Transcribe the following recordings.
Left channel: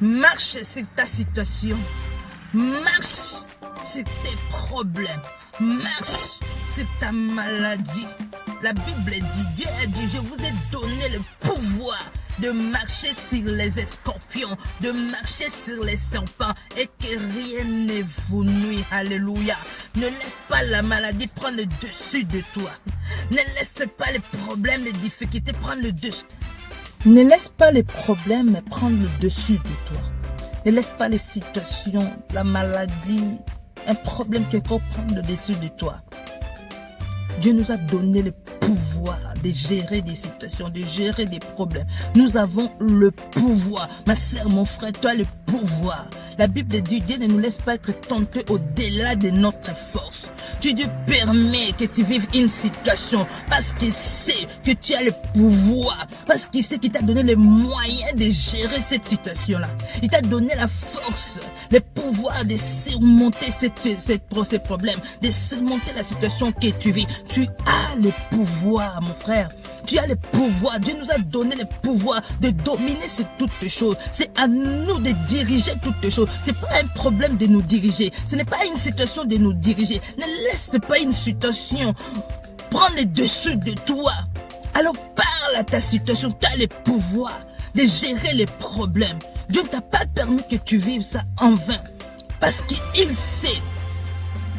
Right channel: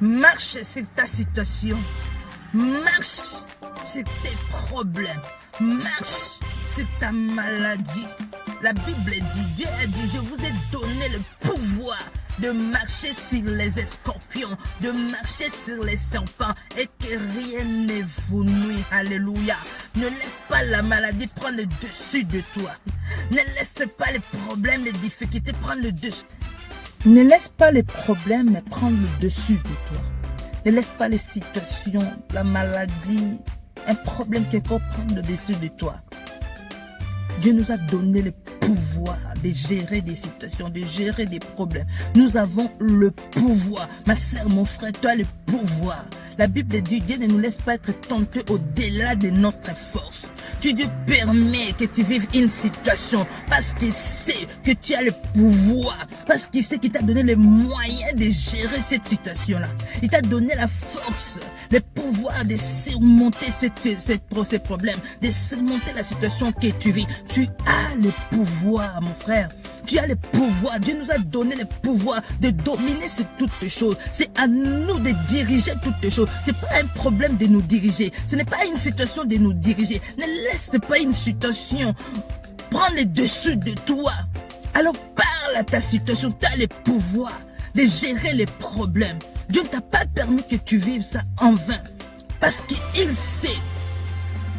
Marche sur ta situation. Marche sur tes problèmes. Marche sur ta maladie. La Bible dit, Dieu a dit, je vous ai donné le pouvoir de marcher sur les scorpions, de marcher sur les serpents et que rien ne vous nuit. Alléluia. Ne laisse pas la maladie prendre le dessus de toi. Ne laisse pas les problèmes, les difficultés prendre le dessus. Ne laisse pas les problèmes prendre le dessus de toi. Ne laisse pas les situations, la maladie, un problème quelconque prendre le dessus de toi. Dieu nous a donné le pouvoir de gérer des situations, de gérer des problèmes. Nous avons le pouvoir. Ma sœur, mon frère, tu as le pouvoir. La Bible dit, Dieu ne nous laisse pas être tentés au-delà de notre force. Dieu permet que tu vives une situation parce qu'il sait que tu as le pouvoir, parce qu'il sait qu'il t'a donné les moyens de gérer cette situation-là. Il t'a donné la force, le pouvoir de surmonter ces problèmes, de surmonter la situation que tu vis. Tu as le pouvoir, mon frère. Tu as le pouvoir. Dieu nous a donné le pouvoir de dominer sur toutes les choses. C'est à nous de diriger toutes les choses. Ce n'est pas un problème de nous diriger. Ce n'est pas une situation de nous diriger. Ne laisse pas une situation prendre le dessus de toi. Alors parle à ta situation. Tu as le pouvoir de gérer les problèmes. Dieu ne t'a pas permis que tu vives ça en vain. Parce qu'il sait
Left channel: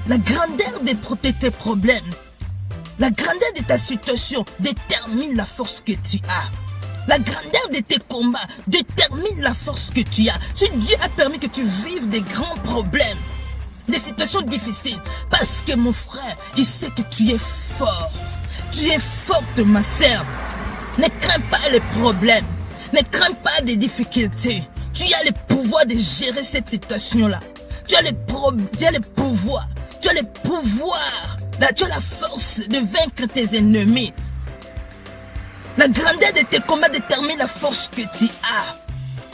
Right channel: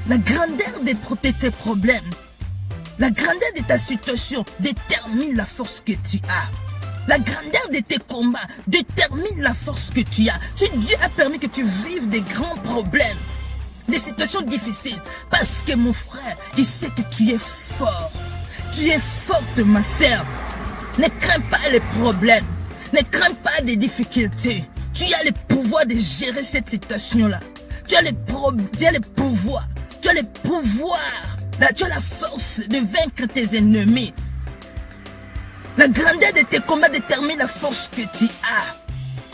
la grandeur de tes problèmes. La grandeur de ta situation détermine la force que tu as. La grandeur de tes combats détermine la force que tu as. Si Dieu a permis que tu vives des grands problèmes, des situations difficiles, parce que mon frère, il sait que tu es fort. Tu es forte, ma sœur. Ne crains pas les problèmes. Ne crains pas des difficultés. Tu as le pouvoir de gérer cette situation-là. Tu as le pouvoir. Tu as le pouvoir. Tu as la force de vaincre tes ennemis. La grandeur de tes combats détermine la force que tu as.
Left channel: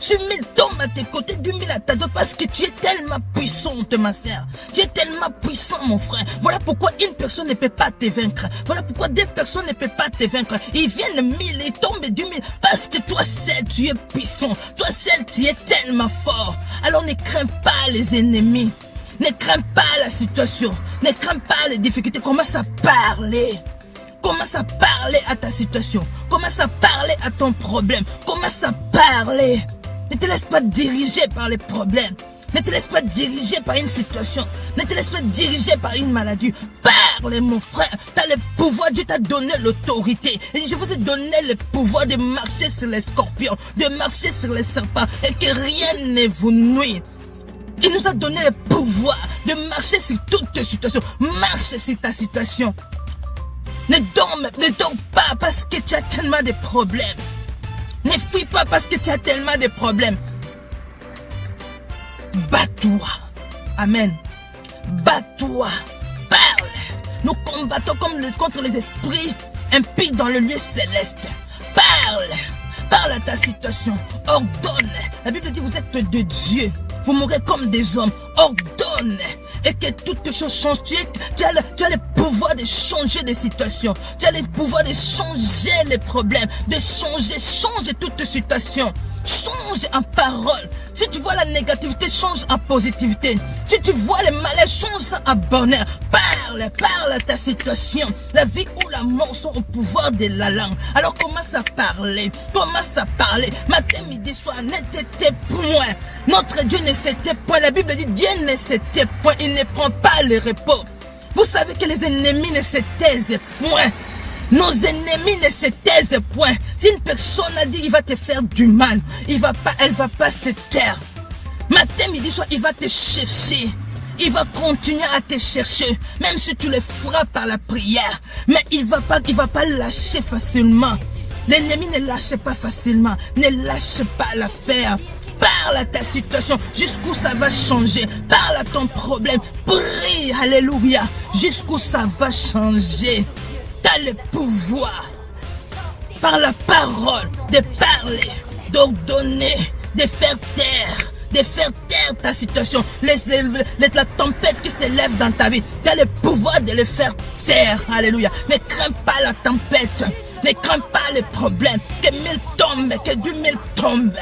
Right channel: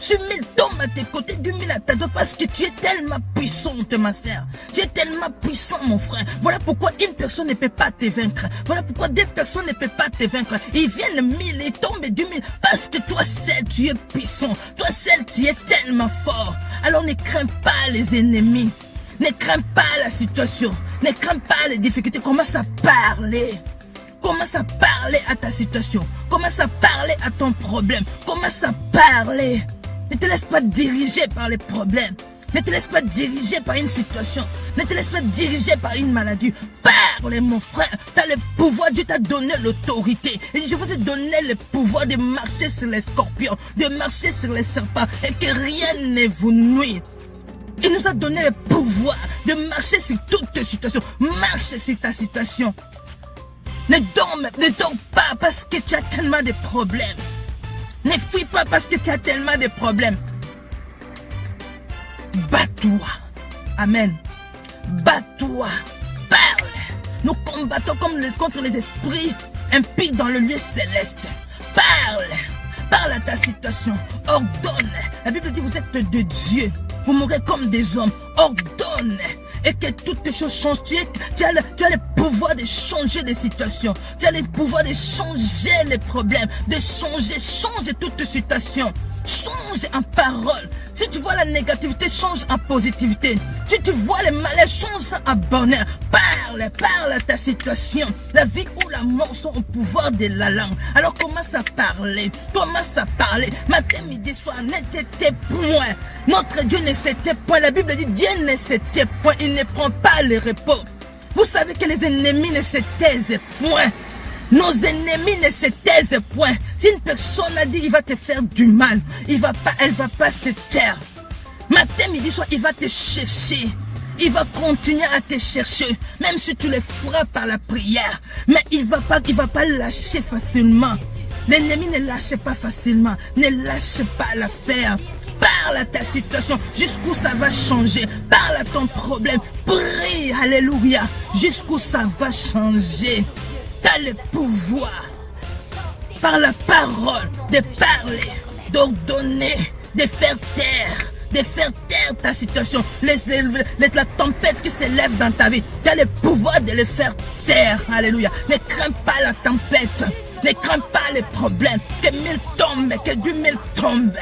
Si 1000 tombent à tes côtés, 2000 à ta droite, parce que tu es tellement puissante, ma sœur. Tu es tellement puissant, mon frère. Voilà pourquoi une personne ne peut pas te vaincre. Voilà pourquoi deux personnes ne peuvent pas te vaincre. Ils viennent 1000, ils tombent 2000, parce que toi seul, tu es puissant. Toi seul, tu es tellement fort. Alors ne crains pas les ennemis. Ne crains pas la situation. Ne crains pas les difficultés. Commence à parler. Commence à parler à ta situation. Commence à parler à ton problème. Commence à parler. Ne te laisse pas diriger par les problèmes. Ne te laisse pas diriger par une situation. Ne te laisse pas diriger par une maladie. Parle, mon frère. Tu as le pouvoir. Dieu t'a donné l'autorité. Et je vous ai donné le pouvoir de marcher sur les scorpions, de marcher sur les serpents et que rien ne vous nuit. Il nous a donné le pouvoir de marcher sur toutes tes situations. Marche sur ta situation. Ne dors pas parce que tu as tellement de problèmes. Ne fuis pas parce que tu as tellement de problèmes. Bats-toi. Amen. Bats-toi. Parle. Nous combattons contre les esprits impies dans le lieu céleste. Parle. Parle à ta situation. Ordonne. La Bible dit vous êtes de Dieu. Vous mourrez comme des hommes. Ordonne. Et que toutes les choses changent. Tu as le pouvoir de changer les situations. Tu as le pouvoir de changer les problèmes. De changer toutes les situations. Change en parole. Si tu vois la négativité, change en positivité. Si tu vois le malheur, change en bonheur. Parle à ta situation. La vie ou la mort sont au pouvoir de la langue. Alors commence à parler. Matin, midi, soir, n'était point. Notre Dieu ne s'était point. La Bible dit Dieu ne s'était point. Il ne prend pas le repos. Vous savez que les ennemis ne se taisent point. Nos ennemis ne se taisent point. Si une personne a dit il va te faire du mal, elle va pas se taire. Matin, midi, soir, il va te chercher. Il va continuer à te chercher, même si tu le frappes par la prière. Mais il va pas lâcher facilement. L'ennemi ne lâche pas facilement. Ne lâche pas l'affaire. Parle à ta situation jusqu'où ça va changer. Parle à ton problème. Prie, alléluia, jusqu'où ça va changer. Tu as le pouvoir, par la parole, de parler, d'ordonner, de faire taire ta situation. La tempête qui s'élève dans ta vie, tu as le pouvoir de les faire taire. Alléluia. Ne crains pas la tempête. Ne crains pas les problèmes. Que 1000 tombent, que 2000 tombent.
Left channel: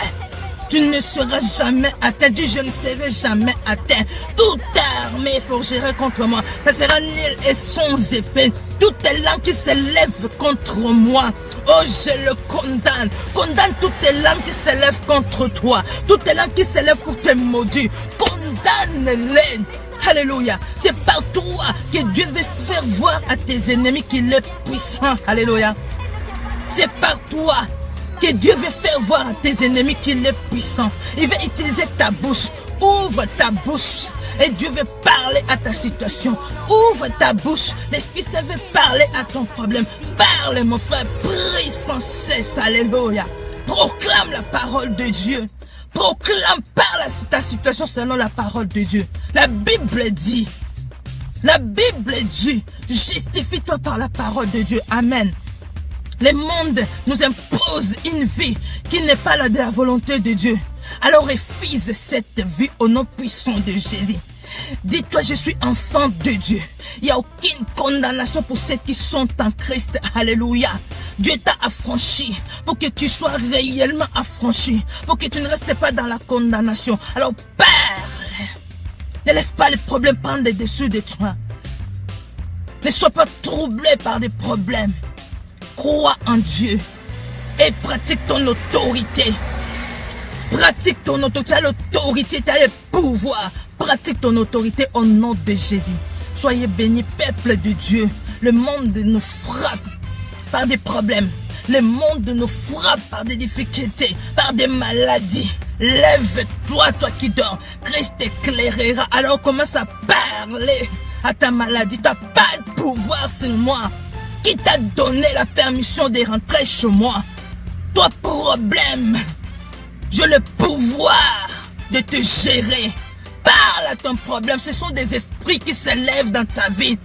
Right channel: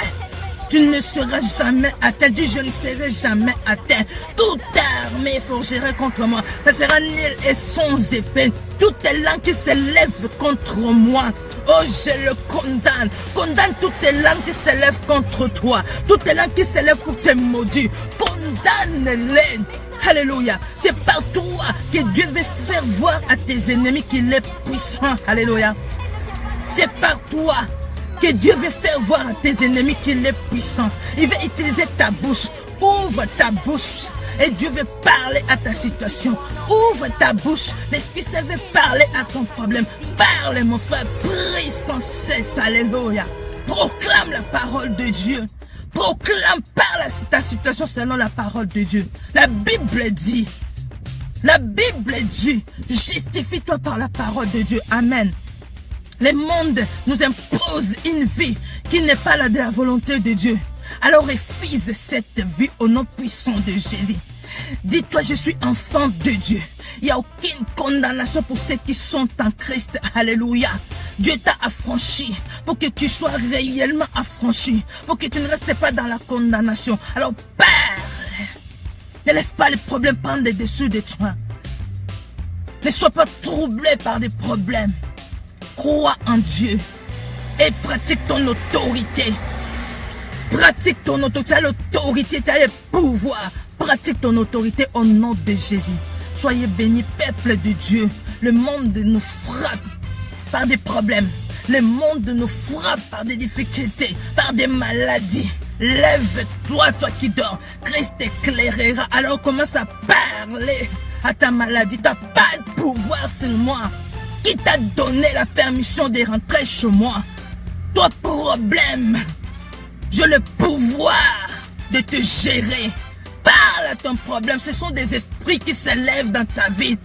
Tu ne seras jamais atteint. Dis, je ne serai jamais atteint. Toute armée forgera contre moi. Ça sera nul et sans effet. Toute langue qui s'élève contre moi. Oh, je le condamne. Condamne toutes les langues qui s'élèvent contre toi. Toutes les langues qui s'élèvent pour te maudire. Condamne-les. Alléluia. C'est par toi que Dieu veut faire voir à tes ennemis qu'il est puissant. Alléluia. C'est par toi que Dieu veut faire voir à tes ennemis qu'il est puissant. Il veut utiliser ta bouche. Ouvre ta bouche. Et Dieu veut parler à ta situation. Ouvre ta bouche. L'Esprit Saint veut parler à ton problème. Parle, mon frère. Prie sans cesse. Alléluia. Proclame la parole de Dieu. Proclame, parle à ta situation selon la parole de Dieu. La Bible dit, justifie-toi par la parole de Dieu. Amen. Le monde nous impose une vie qui n'est pas la de la volonté de Dieu. Alors refuse cette vie au nom puissant de Jésus. Dis-toi, je suis enfant de Dieu. Il n'y a aucune condamnation pour ceux qui sont en Christ. Alléluia. Dieu t'a affranchi pour que tu sois réellement affranchi. Pour que tu ne restes pas dans la condamnation. Alors Père, ne laisse pas les problèmes prendre le dessus de toi. Ne sois pas troublé par des problèmes. Crois en Dieu et pratique ton autorité. Pratique ton autorité. Tu as l'autorité, tu as le pouvoir. Pratique ton autorité au nom de Jésus. Soyez bénis, peuple de Dieu. Le monde nous frappe par des problèmes. Le monde nous frappe par des difficultés, par des maladies. Lève-toi, toi qui dors. Christ t'éclairera. Alors commence à parler à ta maladie. Tu n'as pas le pouvoir sur moi. Qui t'a donné la permission de rentrer chez moi? Toi, problème. J'ai le pouvoir de te gérer. Parle à ton problème. Ce sont des esprits qui s'élèvent dans ta vie,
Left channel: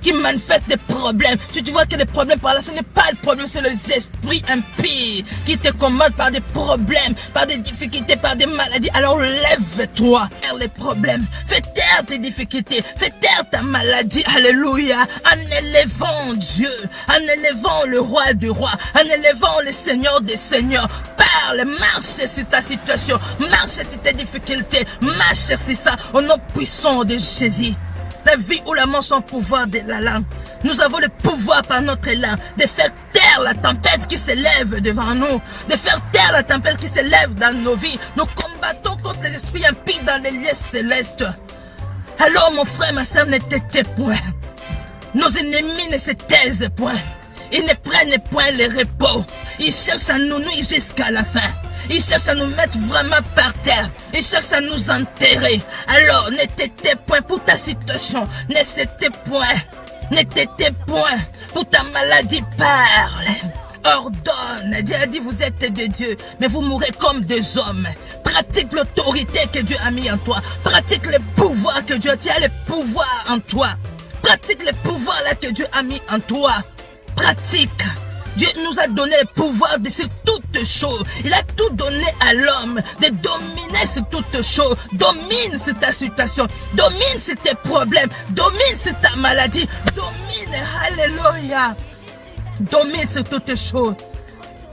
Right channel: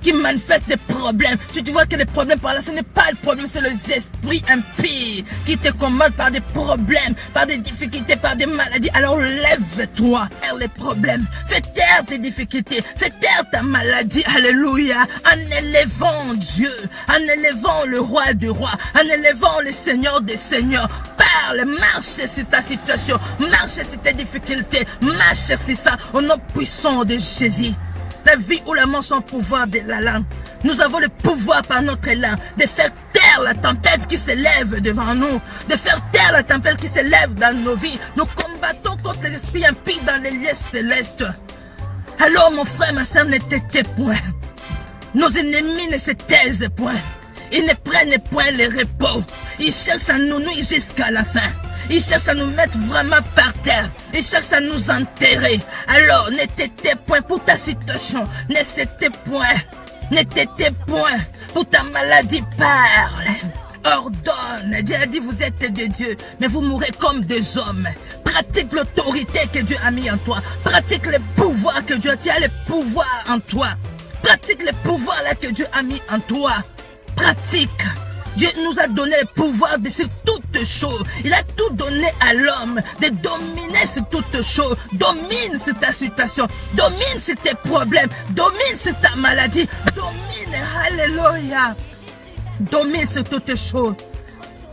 qui manifestent des problèmes. Si tu vois que les problèmes par là, ce n'est pas le problème, c'est les esprits impies qui te commandent par des problèmes, par des difficultés, par des maladies. Alors lève-toi vers les problèmes. Fais taire tes difficultés, fais taire ta maladie. Alléluia. En élevant Dieu, en élevant le roi des rois, en élevant le Seigneur des seigneurs. Parle, marche sur ta situation, marche sur tes difficultés, marche sur ça au nom puissant de Jésus. La vie ou la mort sont le pouvoir de la langue. Nous avons le pouvoir par notre langue de faire taire la tempête qui s'élève devant nous, de faire taire la tempête qui s'élève dans nos vies. Nous combattons contre les esprits impies dans les lieux célestes. Alors mon frère, ma soeur, ne te tais point. Nos ennemis ne se taisent point. Ils ne prennent point le repos. Ils cherchent à nous nuire jusqu'à la fin. Ils cherchent à nous mettre vraiment par terre. Ils cherchent à nous enterrer. Alors, ne t'étais point pour ta situation. Ne t'étais point. Ne t'étais point pour ta maladie. Parle. Ordonne. Dieu a dit, vous êtes des dieux, mais vous mourrez comme des hommes. Pratique l'autorité que Dieu a mis en toi. Pratique le pouvoir que Dieu a. Tu as le pouvoir en toi. Pratique le pouvoir là que Dieu a mis en toi. Pratique. Dieu nous a donné le pouvoir de faire toutes choses. Il a tout donné à l'homme de dominer sur toutes choses. Domine sur ta situation. Domine sur tes problèmes. Domine sur ta maladie. Domine. Alléluia. Domine sur toutes choses.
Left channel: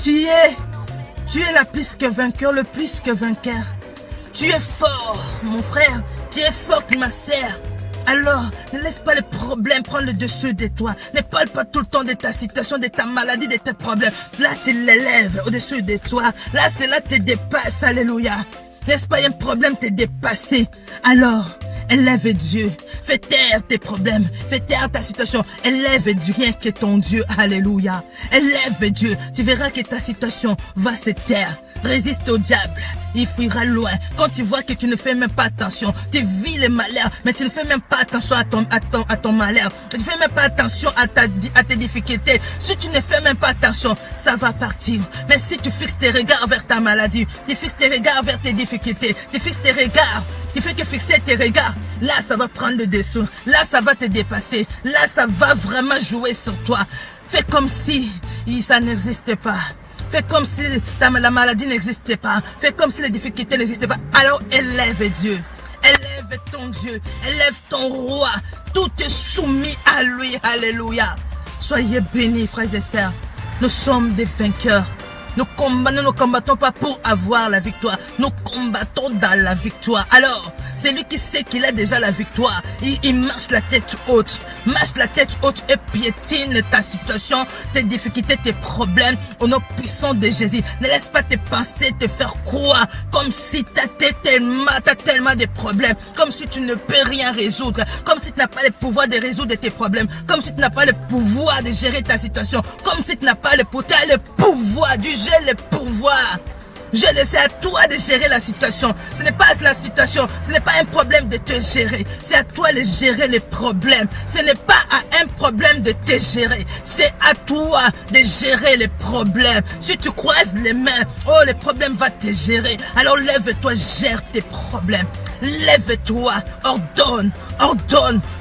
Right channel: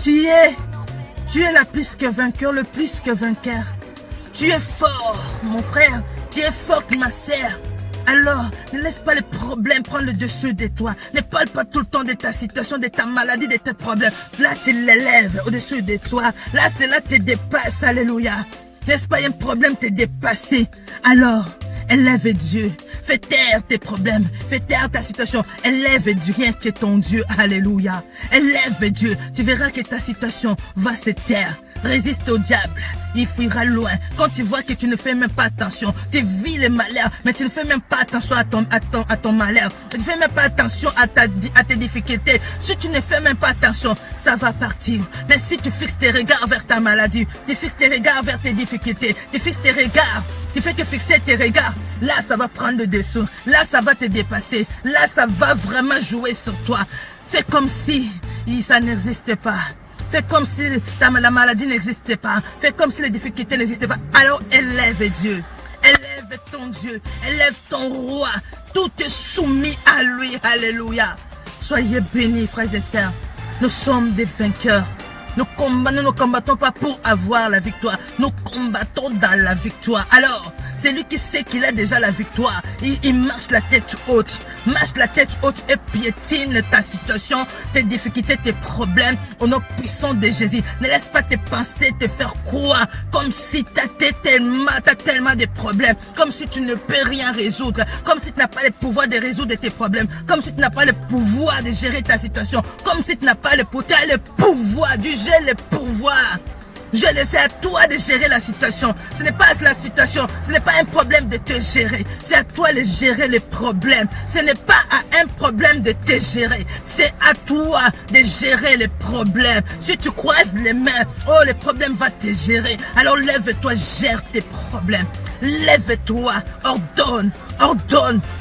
Tu es la plus que vainqueur, le plus que vainqueur. Tu es fort, mon frère. Tu es forte, ma sœur. Alors, ne laisse pas les problèmes prendre le dessus de toi. Ne parle pas tout le temps de ta situation, de ta maladie, de tes problèmes. Là, tu l'élèves au-dessus de toi. Là, cela te dépasse. Alléluia. N'est-ce pas un problème te dépasser? Alors, élève Dieu. Fais taire tes problèmes. Fais taire ta situation. Élève Dieu, rien que ton Dieu. Alléluia. Élève Dieu. Tu verras que ta situation va se taire. Résiste au diable, il fuira loin. Quand tu vois que tu ne fais même pas attention, tu vis les malheurs, mais tu ne fais même pas attention à ton malheur. Tu ne fais même pas attention à tes difficultés. Si tu ne fais même pas attention, ça va partir. Mais si tu fixes tes regards vers ta maladie, tu fixes tes regards vers tes difficultés, tu fixes tes regards, tu fais que fixer tes regards, là ça va prendre le dessous, là ça va te dépasser, là ça va vraiment jouer sur toi. Fais comme si ça n'existe pas. Fais comme si la maladie n'existait pas. Fais comme si les difficultés n'existaient pas. Alors élève Dieu. Élève ton Dieu. Élève ton roi. Tout est soumis à lui. Alléluia. Soyez bénis, frères et sœurs. Nous sommes des vainqueurs. Nous ne combattons pas pour avoir la victoire. Nous combattons dans la victoire. Alors, c'est lui qui sait qu'il a déjà la victoire. Il marche la tête haute. Marche la tête haute et piétine ta situation, tes difficultés, tes problèmes au nom puissant de Jésus. Ne laisse pas tes pensées te faire croire comme si tu as tellement de problèmes, comme si tu ne peux rien résoudre, comme si tu n'as pas le pouvoir de résoudre tes problèmes, comme si tu n'as pas le pouvoir de gérer ta situation, comme si tu n'as pas le pouvoir du gérer le pouvoir. Je laisse à toi de gérer la situation. Ce n'est pas la situation, ce n'est pas un problème de te gérer. C'est à toi de gérer les problèmes. Ce n'est pas un problème de te gérer. C'est à toi de gérer les problèmes. Si tu croises les mains, oh, le problème va te gérer. Alors lève-toi, gère tes problèmes. Lève-toi, ordonne.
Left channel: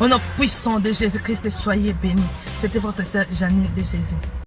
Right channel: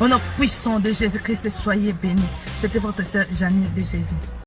Au nom puissant de Jésus-Christ, soyez bénis. C'était votre sœur Janine de Jésus.